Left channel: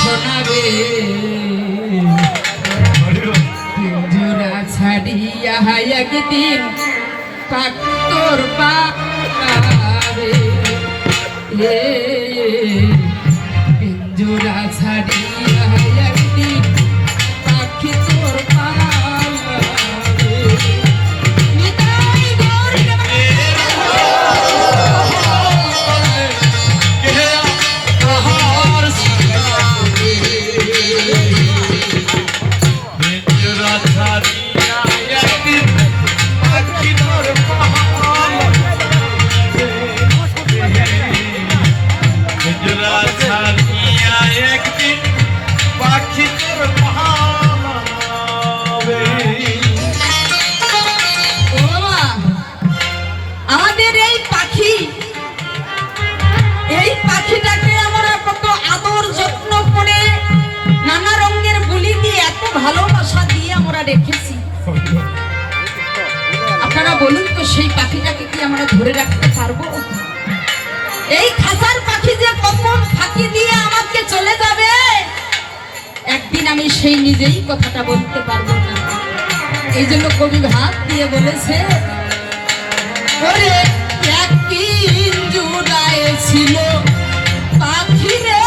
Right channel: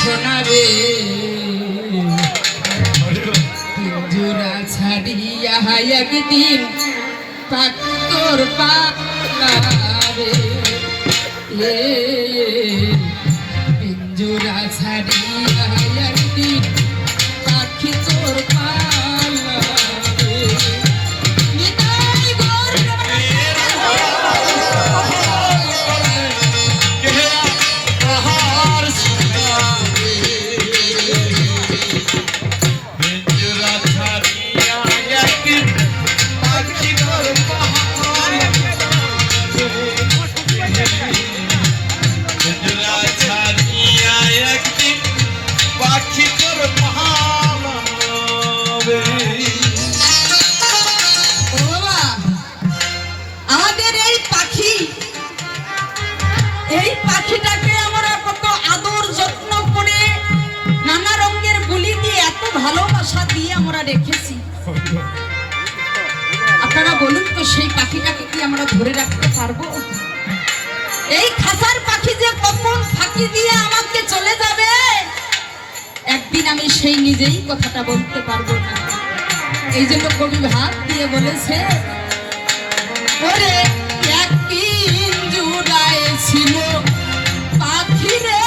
সোনারে জোড়া ছাড়িয়া একদিন পাকতর পারে পিঞ্জুরা ছাড়িয়া একদিন পাখি তোর সেই পাখিটাকে কি আমরা ধরে রাখতে পারবো? এই খাসার পাখি যে কখন ফাঁকি দিয়ে আমাকে চলে যাবে একদিন আমি সেই নিজেই কথাটা বলতে পারবো না। এই জন্য কবি হাত দিয়ে বলেছে ওরে একদিন জুড়ায় ছিল পাখি রে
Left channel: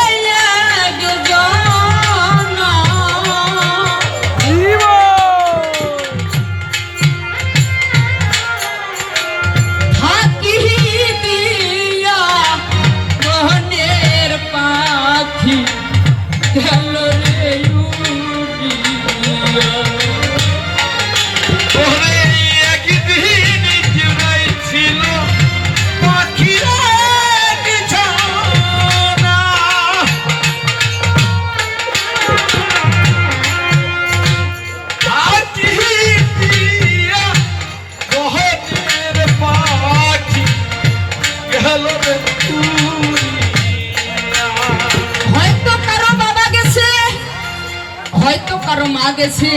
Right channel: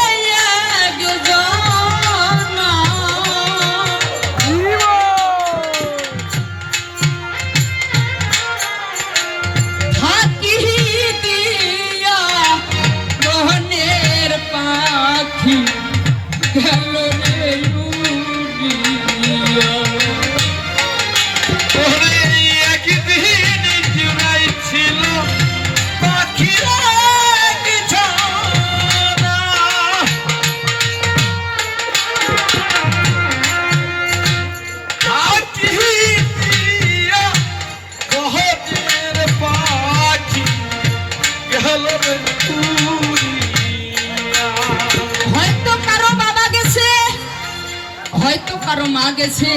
গেছে।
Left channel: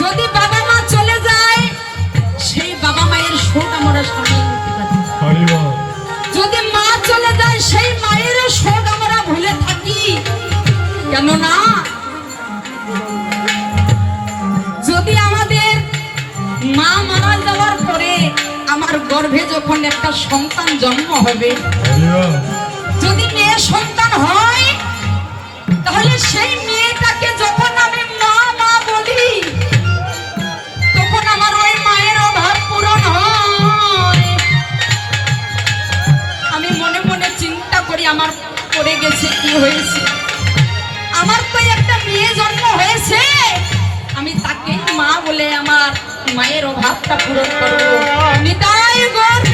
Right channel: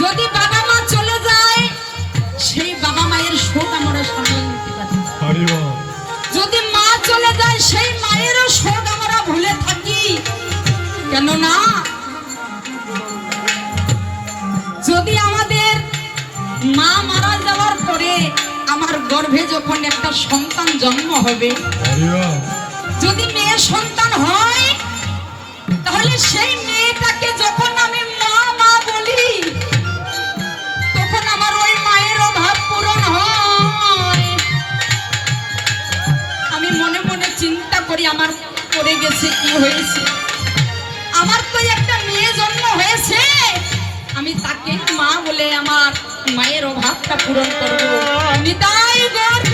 যদি বাবা মা চলে যায় সেই বাবা মায়ের শোক আমরা সামনে নিতে পারি। যদি মা চলে যায় সেই মায়েরও শোক আমরা ভুলে থাকি। কেননা যদি আমাদের মা মারা যাওয়ার পরে আমার গর্ভে যখন একটা সন্তান জন্ম হবে, যদি মেয়ে সন্তান হয় তাহলে সেই মেয়েটাকে যখন আমি মা মা বলি তখন আমার ওই মায়ের অভাব পূরণ হয়। আমি মনে মনে চিন্তা করি আমার পড়ে গেছে কি হয়েছে, আমার তো একটা মেয়ে জন্ম হয়েছে, আমি তাকে মা বলে আমার মায়ের অভাবটা পূরণ করব। নিতাই গৌর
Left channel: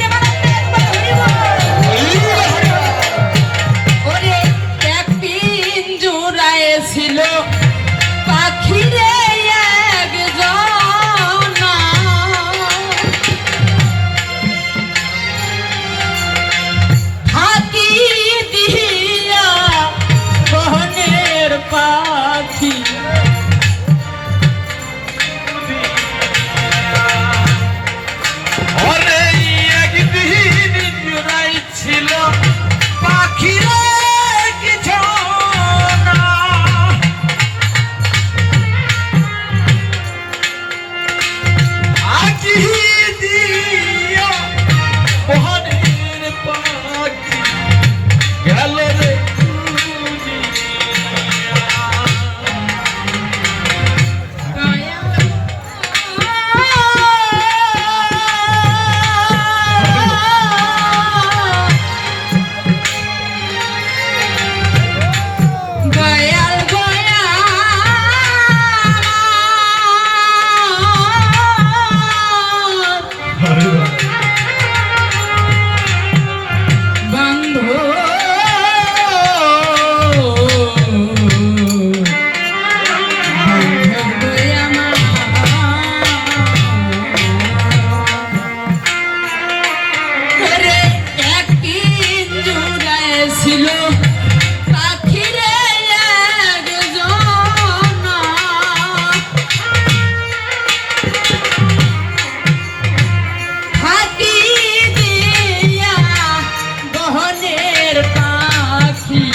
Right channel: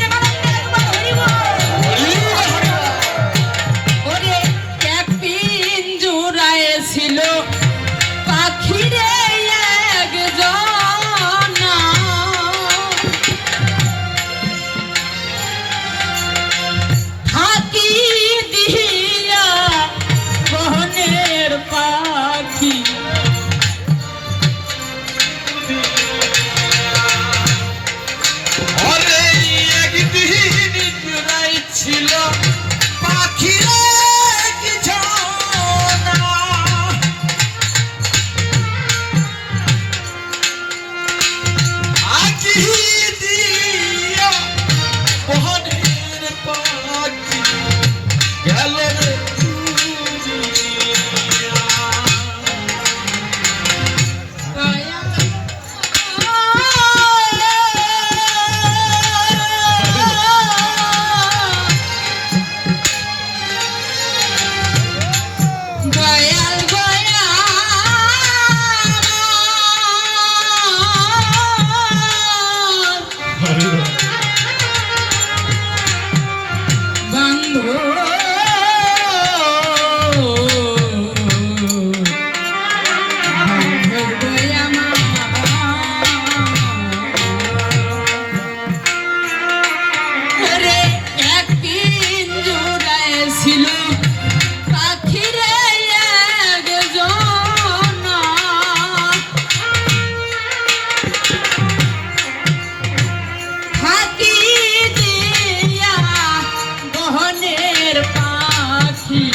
পাখি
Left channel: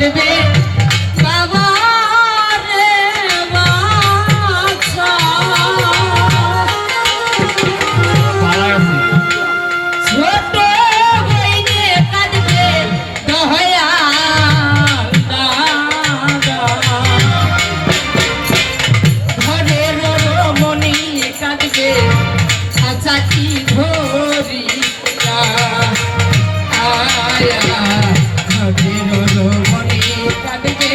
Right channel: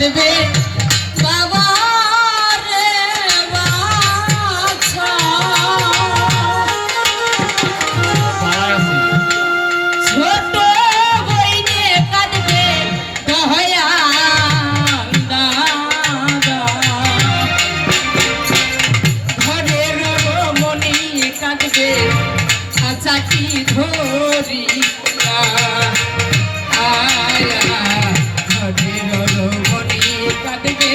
দেবে বাবা রে বাছা। ছোট বইনে কাঁদবে দয়াল দাদা, ঘরের রমণী কাঁদবে চাচি ধরিয়া, ঘরের রমণী কাঁদবে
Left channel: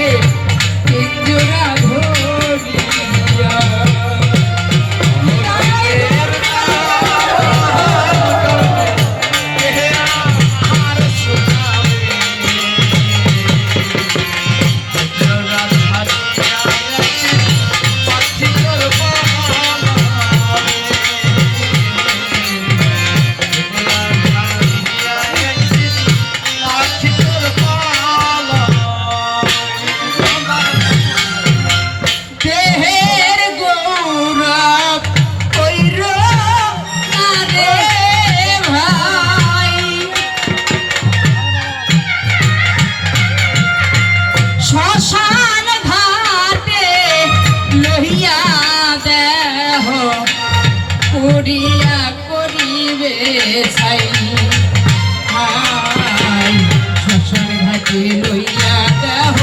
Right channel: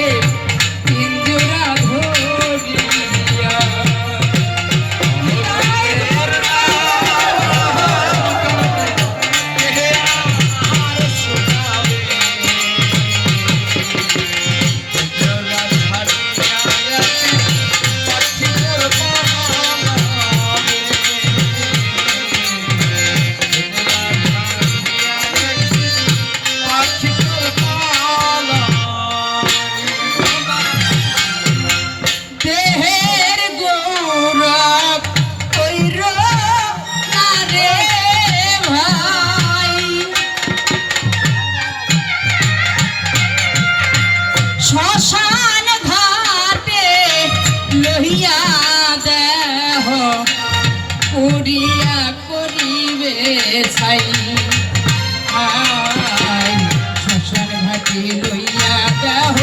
পিঞ্জরা ধরিয়া। দেহের গৌরব কইর না রে ভাই, শ্মশান ঘাটে লইয়া দেহ করিয়া করিবে ছাই। শ্মশান ঘাটে লইয়া দেহ